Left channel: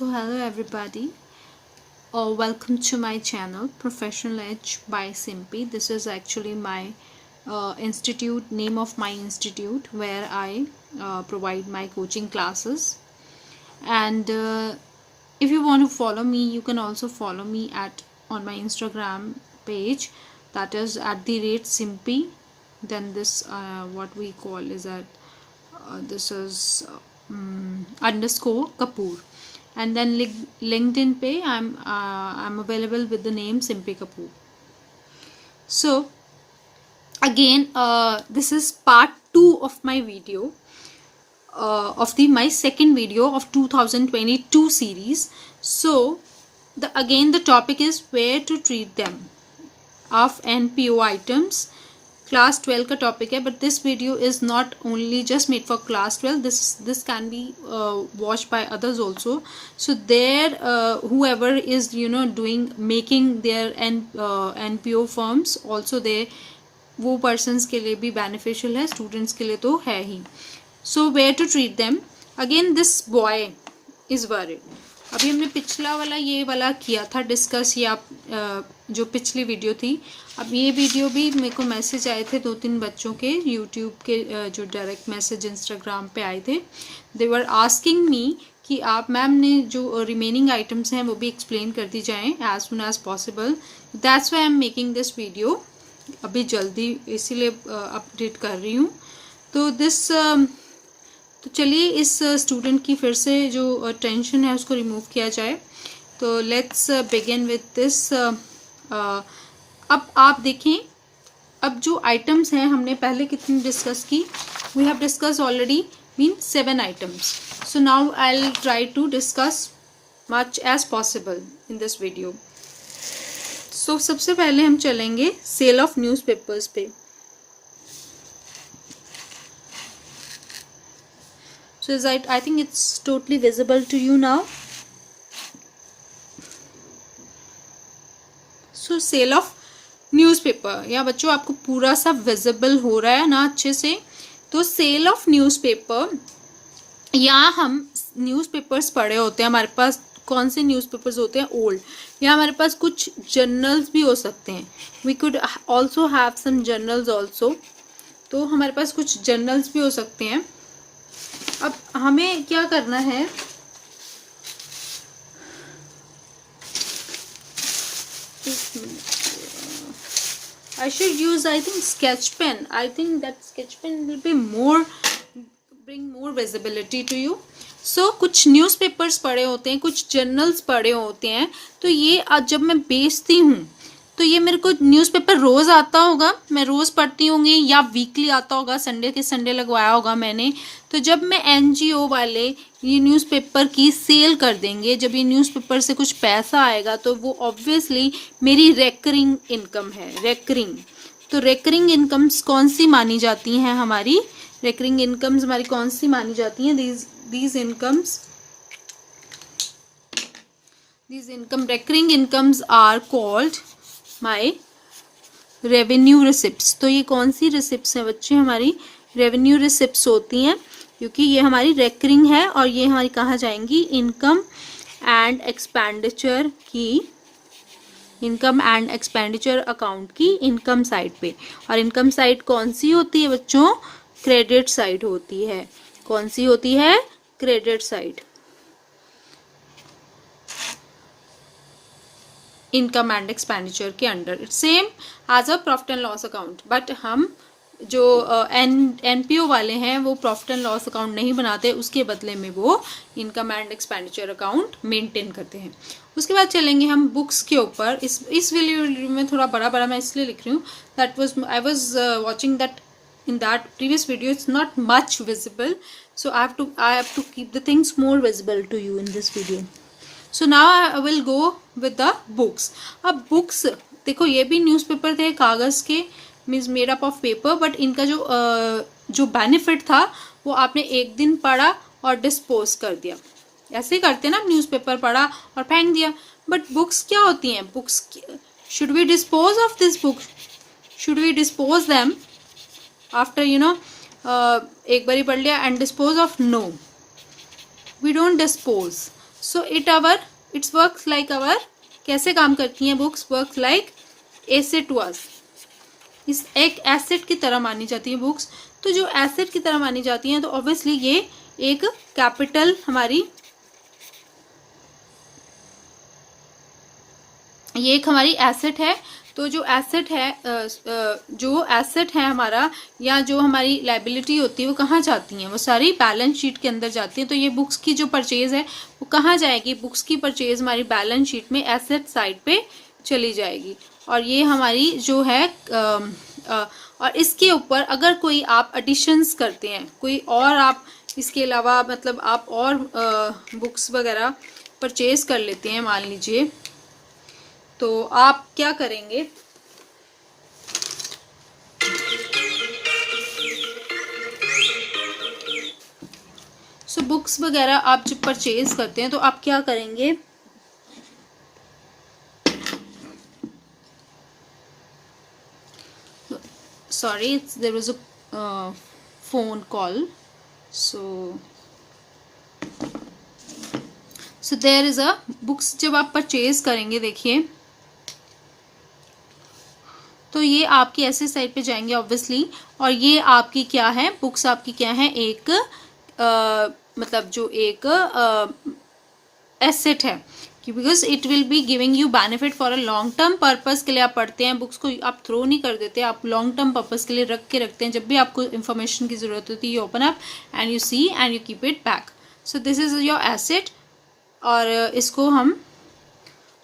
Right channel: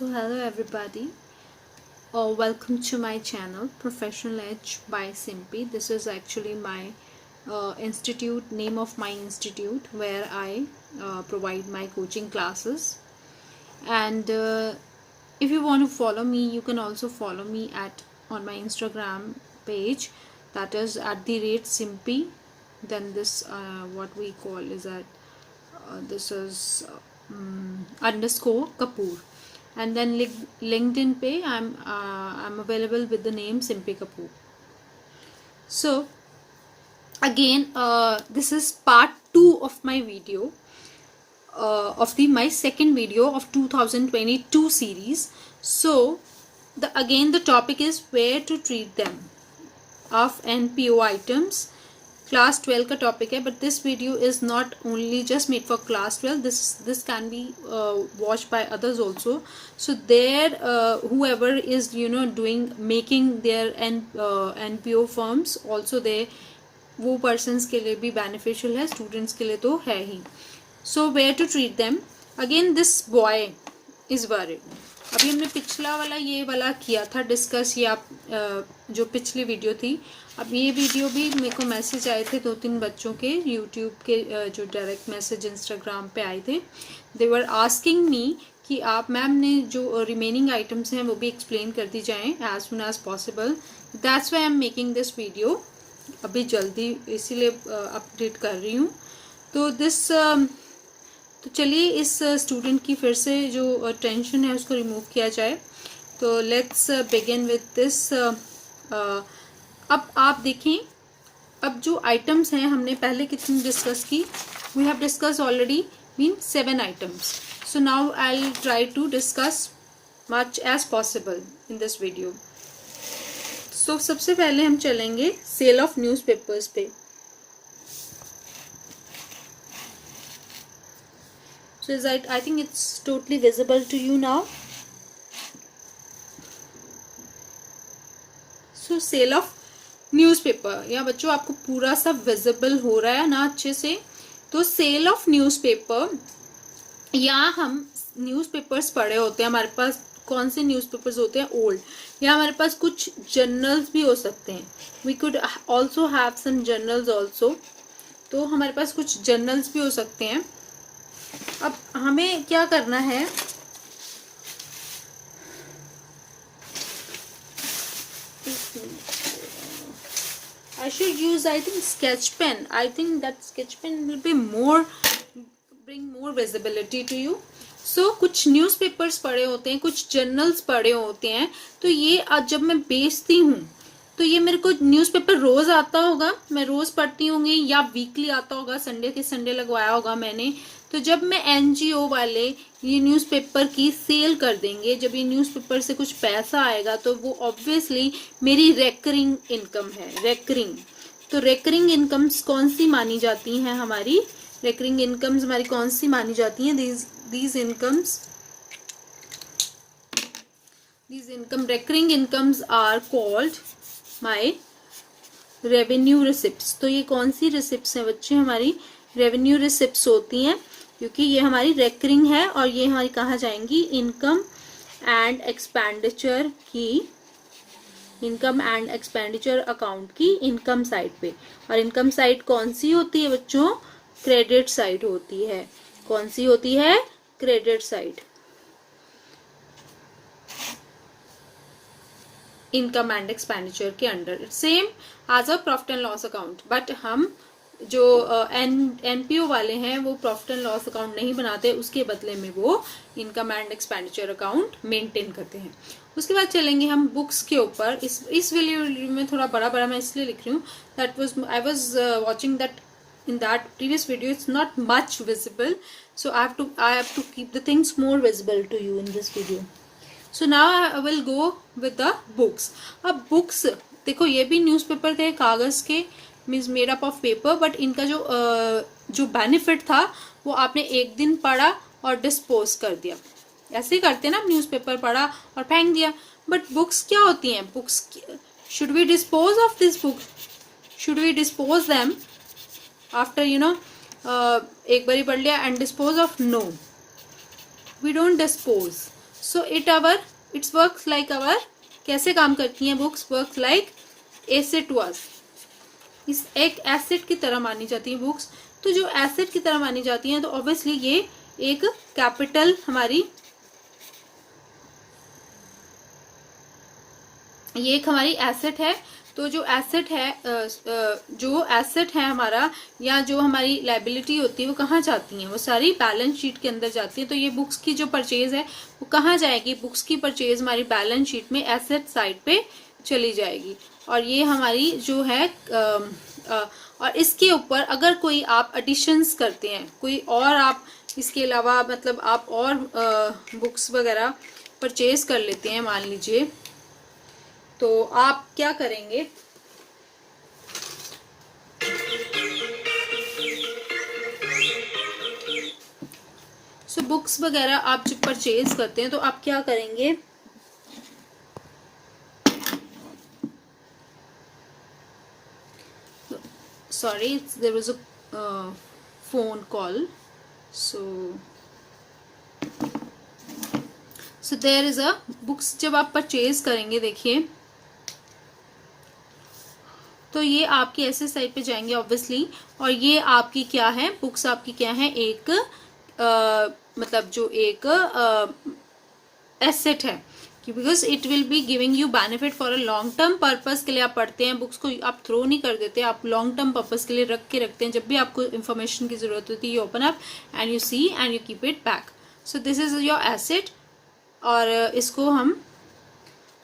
So hello everybody, welcome to my channel Professional Edge by Simpy. This is actually my institute, name of my institute, where I provide my coaching classes. And if you want to follow me, you can also follow me on my Instagram page, that is @Simpy. Then this what we call is that this is underscore Kapoor. And then LinkedIn page, I'm available with the name Simpy Kapoor. So again, this is part 2 of my video, of my second video of 2022 series. So the topic is where to treat them of NPO items. Class 12 का topic है, but this video is not only just made for class 12. This can be watched by others also. So there whoever is doing making their NPO firms also, they वो persons के लिए भी beneficial है, students के लिए तो है ही. So where to treat them. Again this boy is worried. अभी हमने पिछला वाला ये वाला किया था डिस्कस, ये आप जो पिछली वीडियो थी. अब ये वीडियो भी मेरे को मैसेज आए थे 2-3 बच्चों के यूट्यूब के, जो डायरेक्ट मैसेज इंस्टाग्राम पे आए थे. दे वर आस्किंग मी कि आप मैम ने जो रिमेनिंग आइटम्स हैं वो भी एक्सप्लेन कर दी जाएं as soon as possible. That's why I am making this video. अभी जल्दी इसीलिए अपडेट कर रही हूँ. तो चलिए इस स्टूडेंट की फिर से जो टेंशन है उसको रिमूव किया जाए. तो लेट्स बिगिन विद दिस. अब आप देखें, अब जो आइटम्स हैं हमने पहले कितनी डिस्कस की. We have discuss already 7 items. So now I will try to discuss much as possible in this video. So सबसे पहले हम चलेंगे सेल ऑफ न्यूज़पेपर्स पे. So I think it's totally visible to you now. So sale of newspaper. या बच्चों आपको पूरा सा विजिबल हो रहा है ना अच्छे से. तो सेल ऑफ न्यूज़पेपर, या हम न्यूज़पेपर्स पढ़े होते हैं, हमारे पास कौन से न्यूज़पेपर्स होते हैं, ओल्ड, या हमारे पास कुछ जर्नल्स भी हो सकते हैं. We could also have some journals also. तो हमारे पास कुछ जर्नल्स भी हो सकते हैं. अब हमें क्या करना है, I should use, I think, sketch pen. I think that sketch pen will be bring more visibility to you. So कुछ न्यूज़पेपर्स पढ़े होते हैं, कुछ जर्नल्स पढ़े होते हैं. तो ये आज जब मैं बेचती हूँ तो ये मेरे को न्यूज़पेपर रोज आता होगा, मैं रोज पढ़ती होंगी, या वीकली आता होगा, संडे के संडे लगवाया होगा मैंने. तो जब मैं NGO वाले ये न्यूज़पेपर की सेल कर देंगे, जब ये न्यूज़पेपर से कुछ पैसा आएगा तो वो ऑब्वियसली मेरी रेकरिंग इनकम है. रेकरिंग, तो रेकरिंग इनकम्स कौन सी मानी जाती हैं हमारी? रेकरिंग इनकम्स हमारी कौन सी मानी जाती हैं? these income recurring incomes are called my revenue receipts. तो ये कौन सी रिसिप्ट्स हैं बच्चे? हमारी रेवेन्यू रिसिप्ट्स होती हैं, क्योंकि ये हमारी रेकरिंग है और ये हमारी कहाँ जाएंगी? इनकम एंड एक्सपेंडिचर की, इनकम एंड एक्सपेंडिचर अकाउंट की इनकम साइड पे. और इनकम साइड कौन सी होती है बच्चों? क्रेडिट साइड होती है. कौन सी होती है? Credit side. Income and expenditure के under, it's same as a profit and loss account. But हम जो NPO वाले हैं वो प्रॉफिट एंड लॉस अकाउंट नहीं बनाते, उसके बदले में वो income and expenditure account maintain करते हैं. उसके बाद चलेंगे हम बुक्स के ऊपर. इस वीडियो में थोड़ा बड़ा मैं इसलिए लिख रही हूँ, I was watching that in that previous video it's not much visible, so I have to keep the things more visible to you in this video. So now I will go with the books. अब books देखो, ये भी newspaper थे कागज के, means made up of paper. But इनका जो benefit था वो आपने एक दिन पढ़ा और डिस्पोज कर दिया. ऐसे ही करते हैं ना, न्यूज़पेपर पढ़ा और फेंक दिया. बट बुक्स क्या होती हैं? Books, should we dispose of this book? Should we dispose them after एक बारी पढ़ लिया and dispose of? No, we don't dispose. So it's works like our, कैसे काम करती हैं books? Works like asset to us, इस एक एसेट की तरह मानी जाती है बुक्स। तो जो एसेट की तरह मानी जाती हैं तो ऑब्वियसली ये एक कैपिटल हमारी, ये एक हमारी एसेट है। तो जो एसेट है हमारा, या जो हमारी लायबिलिटी होती है वो कहाँ जाती हैं? वो सारी बैलेंस शीट के अंदर जाती है। तो ये बुक्स की जो परचेज है वो कहाँ जाएगी? बुक्स की परचेज हमारी बैलेंस शीट में एसेट साइड पे चली जाएगी। और ये हमारी जो है और इसके ऊपर अगर कोई आप एडिशंस करते हैं, कोई और आप इसके अलावा मतलब आप और बुक्स वगैरह परचेज कर लेते हैं मान लीजिए, तो आप क्या करेंगे? सो बुक्स वगैरह आप जब परचेज करते हैं तो आप क्या करेंगे? Sorry, there was a phone call. So there is a books जब आप परचेज करेंगे, देखिए तो ये आपकी ऐसे साइड पे जाएंगे ऑब्वियसली। और ये आपकी क्या है? बुक्स आपकी क्या है? एक मतलब जो एक एसेट है, because it will be giving you benefit for a long term purpose के लिए आप पढ़ते हैं। बुक्स को आप थ्रो नहीं कर देते, आप लॉन्ग टर्म पर्पज के लिए रख के रखते हैं। जब भी आपको इन्फॉर्मेशन की जरूरत होती है you open up and you see and you keep it back. So this is your asset. और इसको हम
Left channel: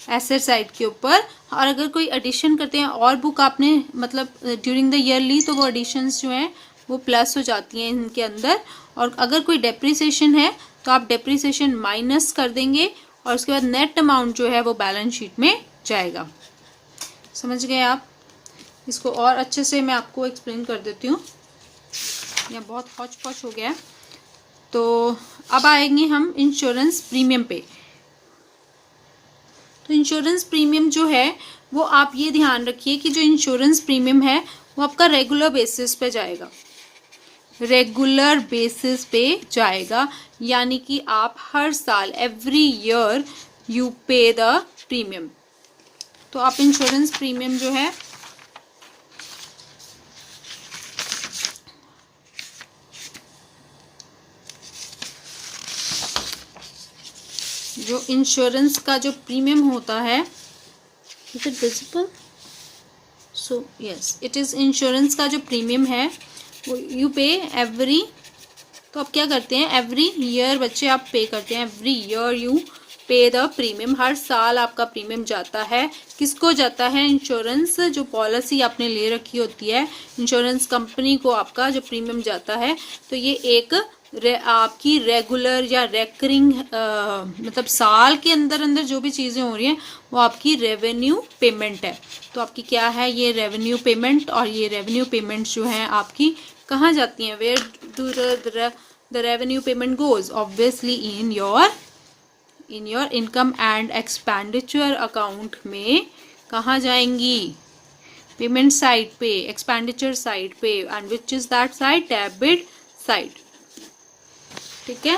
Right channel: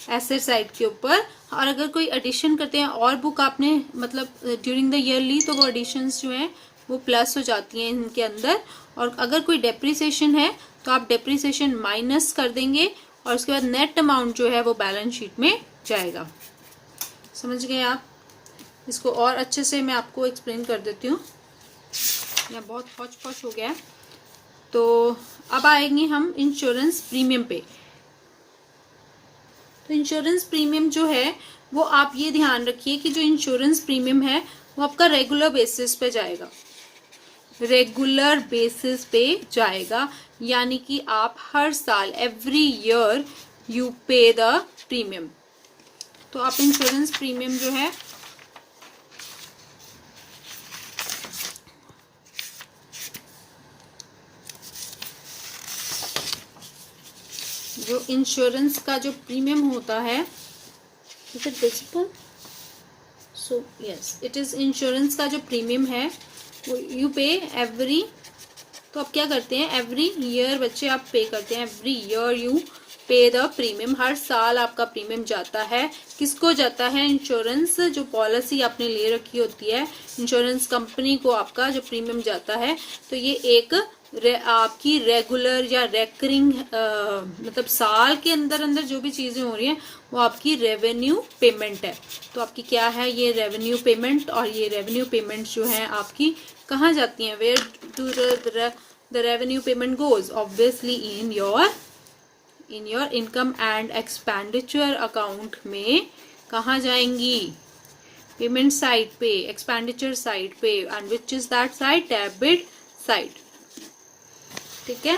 एसेट साइड के ऊपर, और अगर कोई एडिशन करते हैं और बुक आपने मतलब ड्यूरिंग द ईयर ली तो वो एडिशंस जो हैं वो प्लस हो जाती हैं इनके अंदर। और अगर कोई डेप्रिसिएशन है तो आप डेप्रिसिएशन माइनस कर देंगे और उसके बाद नेट अमाउंट जो है वो बैलेंस शीट में जाएगा। समझ गए आप? इसको और अच्छे से मैं आपको एक्सप्लेन कर देती हूँ, यह बहुत हौच पौच हो गया। तो अब आएंगे हम इंश्योरेंस प्रीमियम पे। तो इंश्योरेंस प्रीमियम जो है वो आप ये ध्यान रखिए कि जो इंश्योरेंस प्रीमियम है वो आपका रेगुलर बेसिस पे जाएगा, रेगुलर बेसिस पे जाएगा। यानी कि आप हर साल एवरी ईयर यू पे द प्रीमियम। तो आप इंश्योरेंस प्रीमियम जो है जो इंश्योरेंस का जो प्रीमियम होता है, is it visible? So yes, it is insurance का जो प्रीमियम है वो यू पे एवरी, तो आप क्या करते हैं? एवरी ईयर बच्चे आप पे करते हैं, एवरी ईयर यू पे द प्रीमियम। हर साल आपका प्रीमियम जाता है। किसको जाता है? इंश्योरेंस जो पॉलिसी आपने ले रखी होती है, इंश्योरेंस कंपनी को आपका जो प्रीमियम जाता है। तो ये एक आपकी रेगुलर या रेकरिंग मतलब साल के अंदर अंदर जो भी चीजें हो रही हैं वो आपकी रेवेन्यू पेमेंट है। तो आपकी क्या है? ये रेवेन्यू पेमेंट। और ये रेवेन्यू पेमेंट जो है आपकी कहाँ जाती हैं? Where do the revenue payment goes? Obviously in your income and expenditure account में कहाँ जाएंगी? पेमेंट साइड पे, एक्सपेंडिचर साइड पे। And which is that side? Debit side. ठीक है?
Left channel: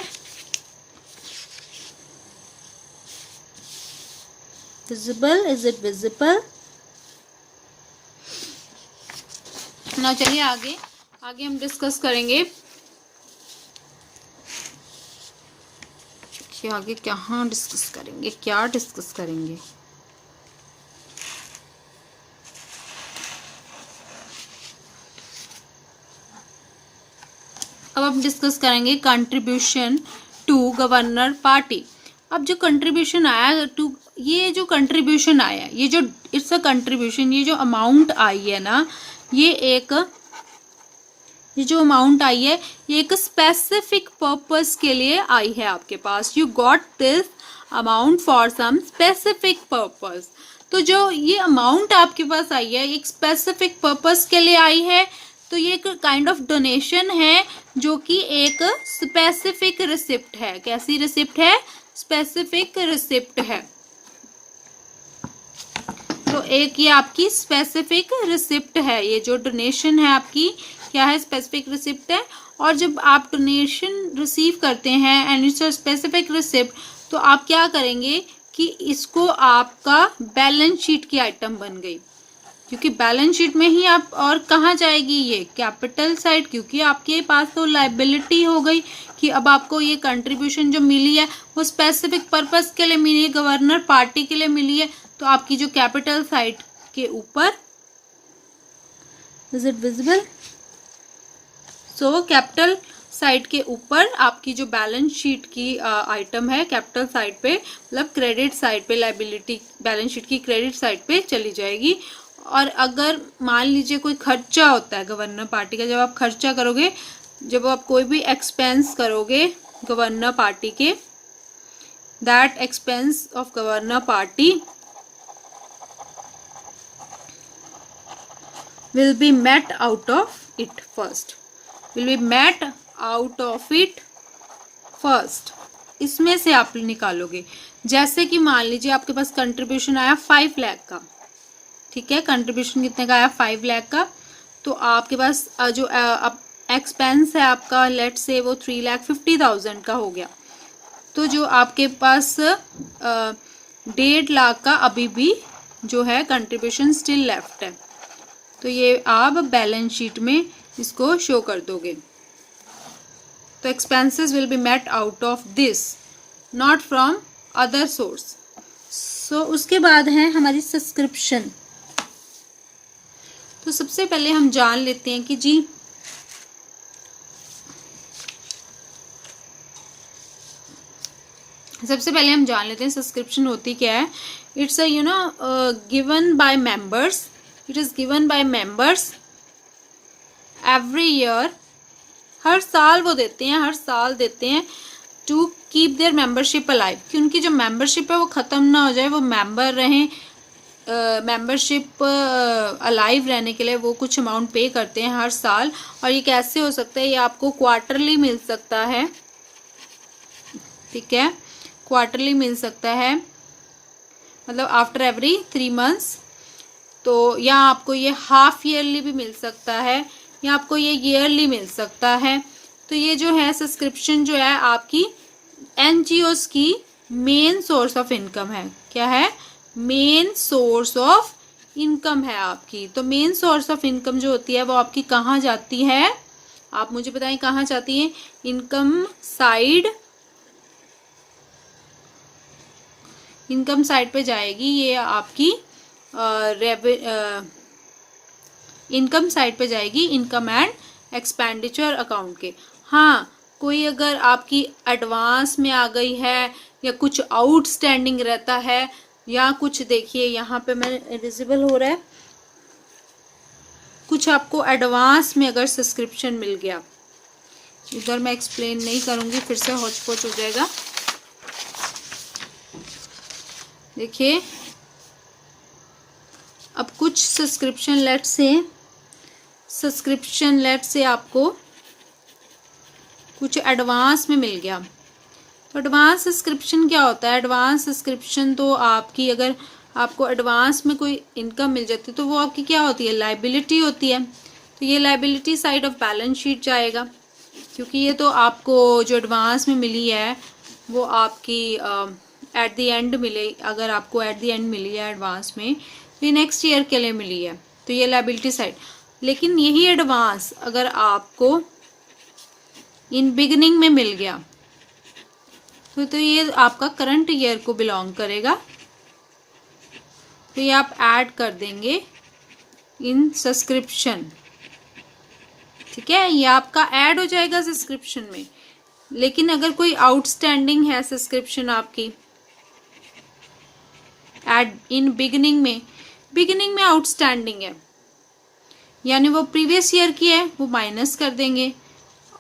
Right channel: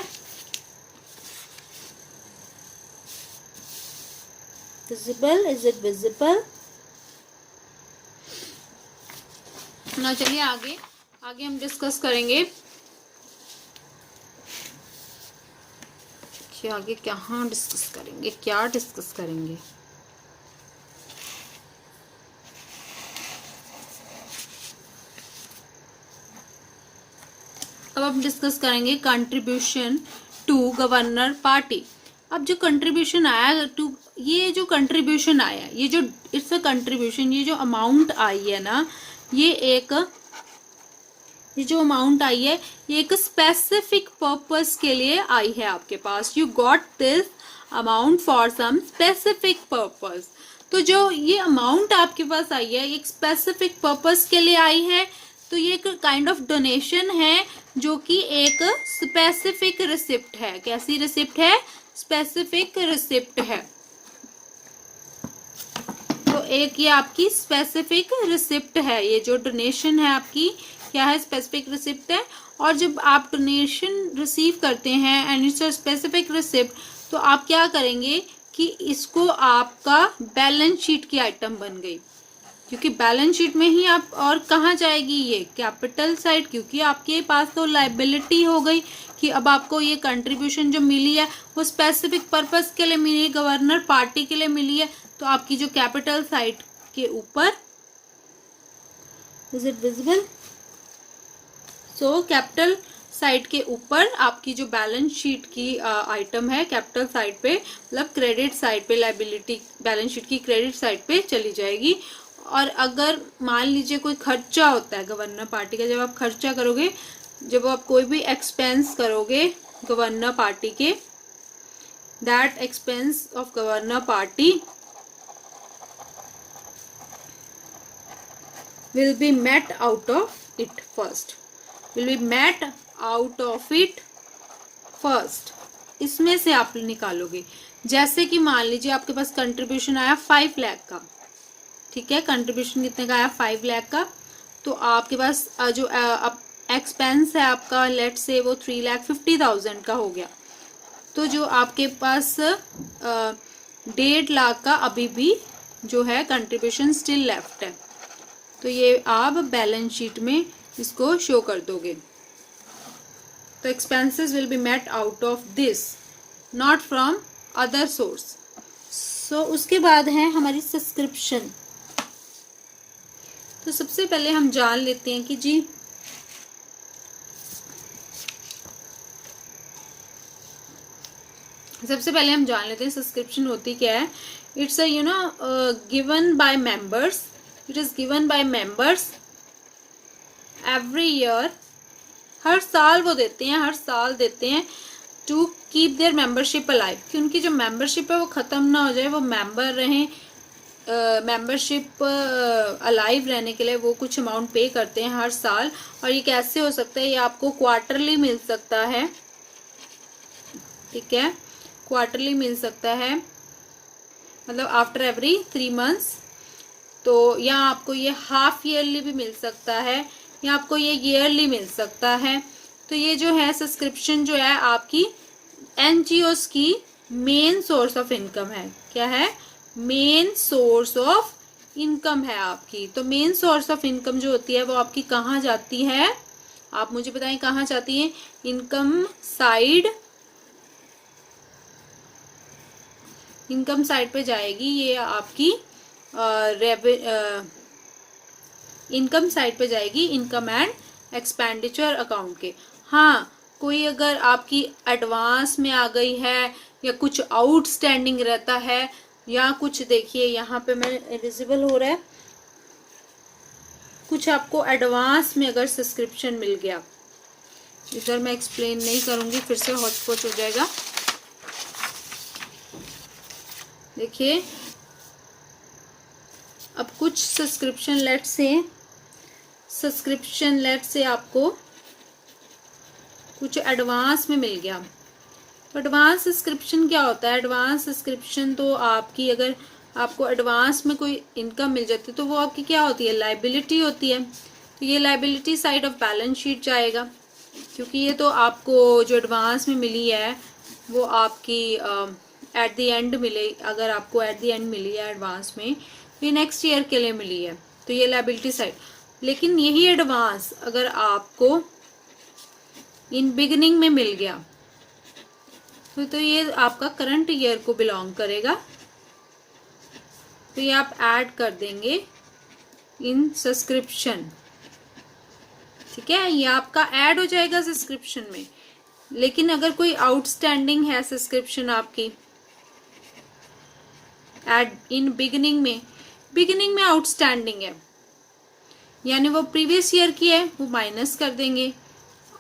विजिबल? Is it visible? ना चलिए आगे हम डिस्कस करेंगे कि आगे क्या डिस्कस करेंगे। अब हम डिस्कस करेंगे कंट्रीब्यूशन टू गवर्नर पार्टी। अब जो कंट्रीब्यूशन आया टू, ये जो कंट्रीब्यूशन आया, ये जो इट्स अ कंट्रीब्यूशन, ये जो अमाउंट आई है ना, ये जो अमाउंट आई है ये एक स्पेसिफिक पर्पस के लिए आई है आपके पास। You got this amount for some specific purpose. तो जो ये अमाउंट आपके पास आई है एक स्पेसिफिक पर्पस के लिए आई है। तो ये एक काइंड ऑफ डोनेशन है जो कि एक स्पेसिफिक रिसिप्ट है। कैसी रिसिप्ट है? स्पेसिफिक रिसिप्ट है। तो एक ये आपकी स्पेसिफिक रिसिप्ट है। ये जो डोनेशन है आपकी क्या है? स्पेसिफिक रिसिप्ट है। और जब आप डोनेशन रिसीव करते हैं and it's a specific receipt, तो आप क्या करेंगे कि इसको आपका बैलेंस शीट की आइटम बन गई, क्योंकि बैलेंस शीट में ही आप, और कहाँ जाएगी ये कैपिटल साइड, क्योंकि आपके पास तो लायबिलिटी हो गई कि अब आपको ये कंट्रीब्यूशन जो मिली है वो स्पेसिफिक पर्पस के लिए मिली है, गवर्नर पार्टी के लिए मिली है, तो आपकी जो कैपिटल साइड के ऊपर, is it visible, so capital side के ऊपर आपकी जो बैलेंस शीट की आइटम है कैपिटल साइड पे, मतलब क्रेडिट साइड पे, लायबिलिटी बैलेंस शीट की क्रेडिट साइड पे चली जाएगी। और अगर मान लीजिए कोई खर्चा होता है गवर्नर पार्टी का, जब आप खर्चा करोगे, जब आप कोई भी एक्सपेंस करोगे गवर्नर पार्टी के, that expense of governor party will be met out of it first, will be met out of it first, इसमें से आप निकालोगे। जैसे कि मान लीजिए आपके पास कंट्रीब्यूशन आया 5 लाख का, ठीक है, कंट्रीब्यूशन कितने का आया 5 लाख का, तो आपके पास जो एक्सपेंस है आपका, लेट से वो 3,50,000 का हो गया, तो जो आपके पास 1.5 लाख का अभी भी जो है कंट्रीब्यूशन स्टिल लेफ्ट है, तो ये आप बैलेंस शीट में इसको शो कर दोगे। तो expenses will be met out of this, not from other source. So उसके बाद है हमारी सब्सक्रिप्शन। तो सबसे पहले हम जान लेते हैं कि जी सब्सक्रिप्शन होती क्या है। It's a given by members, it is given by members every year, हर साल वो देते हैं, हर साल देते हैं, to keep their membership alive, कि उनकी जो मेंबरशिप है वो ख़त्म ना हो जाए, वो मेंबर रहें, मेंबरशिप अलाइव रहने के लिए वो कुछ अमाउंट पे करते हैं हर साल। और ये कैसे हो सकता है, ये आपको क्वार्टरली मिल सकता है, ठीक है, क्वार्टरली मिल सकता है, मतलब आफ्टर एवरी 3 मंथ्स, तो या आपको ये हाफ ईयरली भी मिल सकता है, या आपको ये ईयरली मिल सकता है। तो ये जो है सब्सक्रिप्शन जो है आपकी एनजीओस की मेन सोर्स ऑफ इनकम है। क्या है? मेन सोर्स ऑफ इनकम है आपकी। तो मेन सोर्स ऑफ इनकम जो होती है वो आपकी कहाँ जाती है, आप मुझे बताएं कहाँ जाती है। इनकम साइड पे जाएगी, ये आपकी इनकम साइड पे जाएगी, इनकम एंड एक्सपेंडिचर अकाउंट के। हाँ, कोई अगर आपकी एडवांस में आ गई है या कुछ आउटस्टैंडिंग रहता है, या कुछ देखिए यहाँ पे मैं विजिबल हो रहा है, कुछ आपको एडवांस में अगर सब्सक्रिप्शन मिल गया, इधर मैं एक्सप्लेन नहीं करूंगी, फिर से हॉचपॉच हो जाएगा। देखिए अब कुछ सब्सक्रिप्शन लेट से आपको कुछ एडवांस में मिल गया। तो एडवांस सब्सक्रिप्शन क्या होता है? एडवांस सब्सक्रिप्शन तो आपकी, अगर आपको एडवांस में कोई इनकम मिल जाती है तो वो आपकी क्या होती है? लायबिलिटी होती है। तो ये liability side of balance sheet जाएगा, क्योंकि ये तो आपको जो एडवांस में मिली है वो आपकी एट द एंड मिले, अगर आपको एट द एंड मिली है एडवांस में, तो ये नेक्स्ट ईयर के लिए मिली है, तो ये लायबिलिटी साइड। लेकिन यही एडवांस अगर आपको इन बिगिनिंग में मिल गया तो ये आपका करंट ईयर को बिलोंग करेगा, तो ये आप ऐड कर देंगे इन सब्सक्रिप्शन, ठीक है, ये आपका ऐड हो जाएगा सब्सक्रिप्शन में। लेकिन अगर कोई आउटस्टैंडिंग है सब्सक्रिप्शन आपकी एड इन बिगिनिंग में आउटस्टैंडिंग है, यानी वो प्रीवियस ईयर की है, वो माइनस कर देंगे।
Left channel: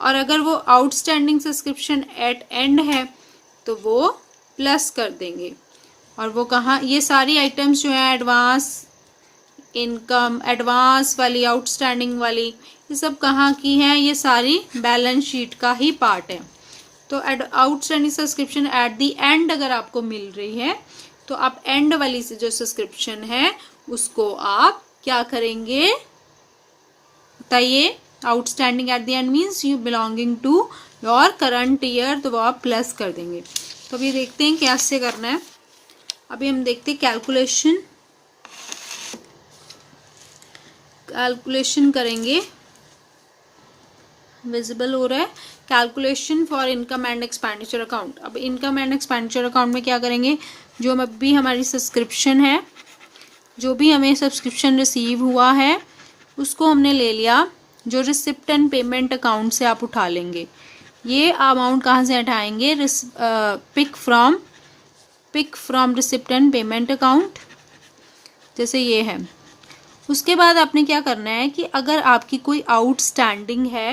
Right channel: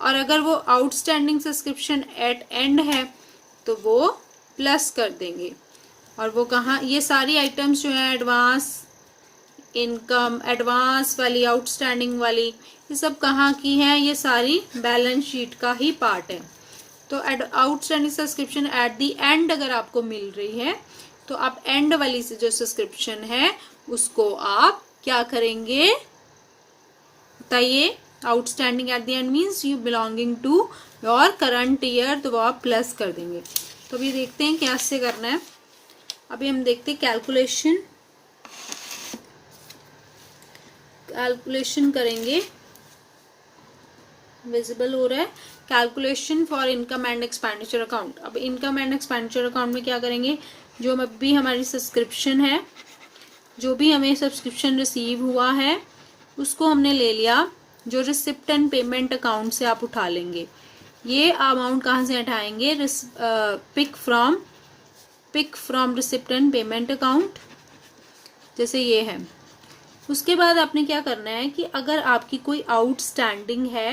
और अगर वो आउटस्टैंडिंग सब्सक्रिप्शन एट एंड है तो वो प्लस कर देंगे। और वो कहाँ, ये सारी आइटम्स जो है एडवांस इनकम, एडवांस वाली, आउटस्टैंडिंग वाली, ये सब कहाँ की है? ये सारी बैलेंस शीट का ही पार्ट है। तो outstanding subscription at the and अगर आपको मिल रही है तो आप एंड वाली से जो सब्सक्रिप्शन है उसको आप क्या करेंगे बताइए? Outstanding at the end means you belonging to your current year, तो वो आप प्लस कर देंगे। तो अभी देखते हैं कैसे करना है। अभी हम देखते हैं कैलकुलेशन करेंगे। विजिबल हो रहा है, calculation for income and expenditure account. अब इनकम एंड एक्सपेंडिचर अकाउंट में क्या करेंगे, जो अभी हमारी सब्सक्रिप्शन है, जो भी हमें सब्सक्रिप्शन रिसीव हुआ है उसको हमने ले लिया, जो रिसिप्ट एंड पेमेंट अकाउंट से आप उठा लेंगे। ये अमाउंट कहाँ से हटाएंगे, pick from receipt and payment account, जैसे ये है। उसके बाद आपने क्या करना है कि अगर आपकी कोई आउटस्टैंडिंग है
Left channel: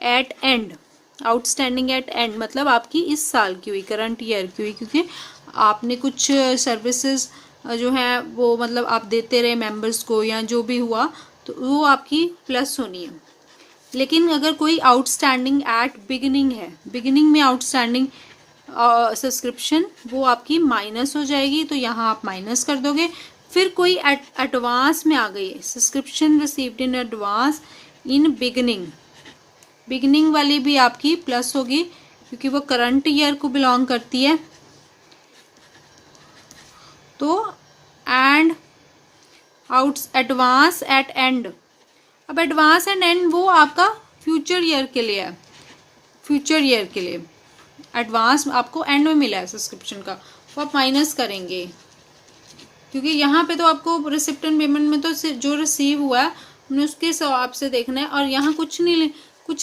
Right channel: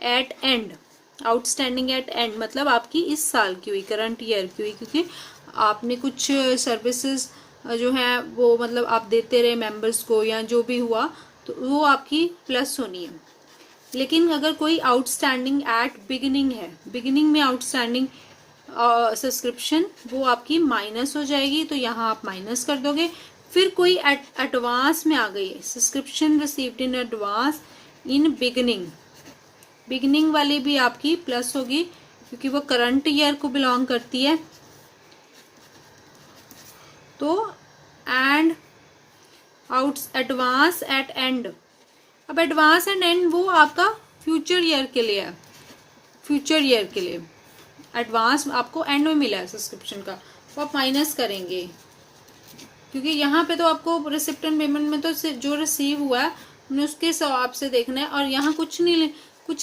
एट एंड, मतलब आपकी इस साल की हुई, करंट ईयर की हुई, क्योंकि आपने कुछ सर्विसेज जो है वो मतलब आप देते रहे मेंबर्स को या जो भी हुआ, तो वो आपकी प्लस होनी है। लेकिन अगर कोई आउटस्टैंडिंग एट बिगिनिंग है, बिगिनिंग में आउटस्टैंडिंग सब्सक्रिप्शन, वो आपकी माइनस हो जाएगी, तो यहाँ आप माइनस कर दोगे। फिर कोई एडवांस में आ गई है, subscription received in advance in beginning वाली भी आपकी प्लस होगी, क्योंकि वो करंट ईयर को बिलोंग करती है। तो एंड एडवांस एट एंड, अब एडवांस एंड एंड वो आपका फ्यूचर ईयर के लिए है, फ्यूचर ईयर के लिए एडवांस आपको एंड में मिला है सब्सक्रिप्शन का, तो आप माइनस करेंगे, क्योंकि यहाँ पे तो आपको रिसिप्ट एंड पेमेंट में तो जो रिसीव हुआ है हमने उसके हिसाब से देखना है, और यहाँ कुछ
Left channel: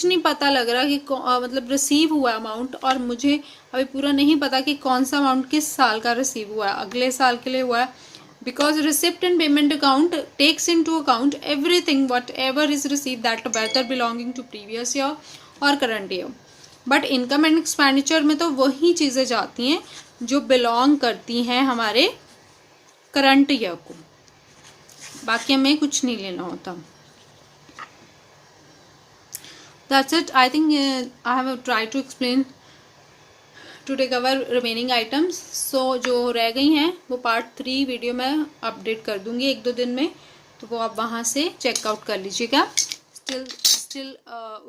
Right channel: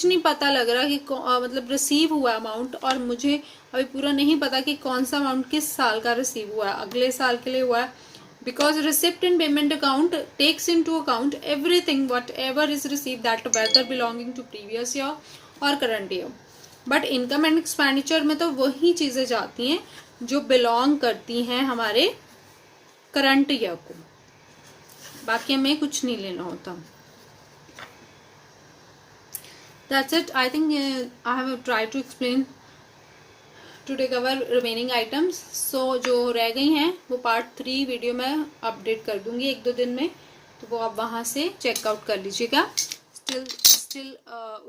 नहीं पता लग रहा कि मतलब रिसीव हुआ अमाउंट, और मुझे अभी पूरा नहीं पता कि कौन सा अमाउंट किस साल का रिसीव हुआ है, अगले साल के लिए हुआ है, because receipt and payment account takes into account everything whatever is received, that whether belonging to previous year or current year, but income and expenditure में तो वही चीजें जाती हैं जो बिलोंग करती हैं हमारे करंट ईयर को, बाकी हमें कुछ नहीं लेना होता। That's it. I think I have tried to explain to take our remaining items. So जो रह गई हैं वो पार्ट 3 वीडियो में अपडेट कर दूंगी 1-2 दिन में, तो वो आप वहाँ से चेकआउट कर लीजिएगा। स्टिल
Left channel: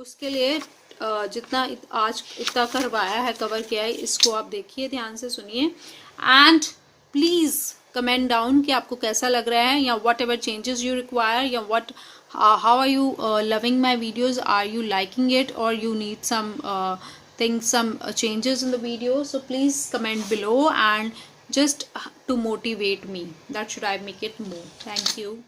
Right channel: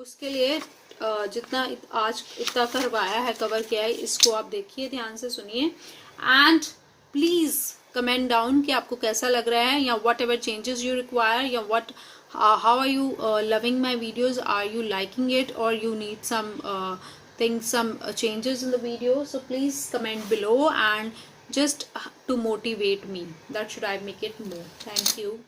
उसके लिए जितना आज इतना करवाया है, कवर किया है, इसको आप देखिए, ध्यान से सुनिए, एंड प्लीज़ कमेंट डाउन कि आपको कैसा लग रहा है, या what ever changes you require, या what how are you loving my videos, are you liking it, or you need some changes in the video, so please comment below, and just to motivate me, that should I make it more. Thank you.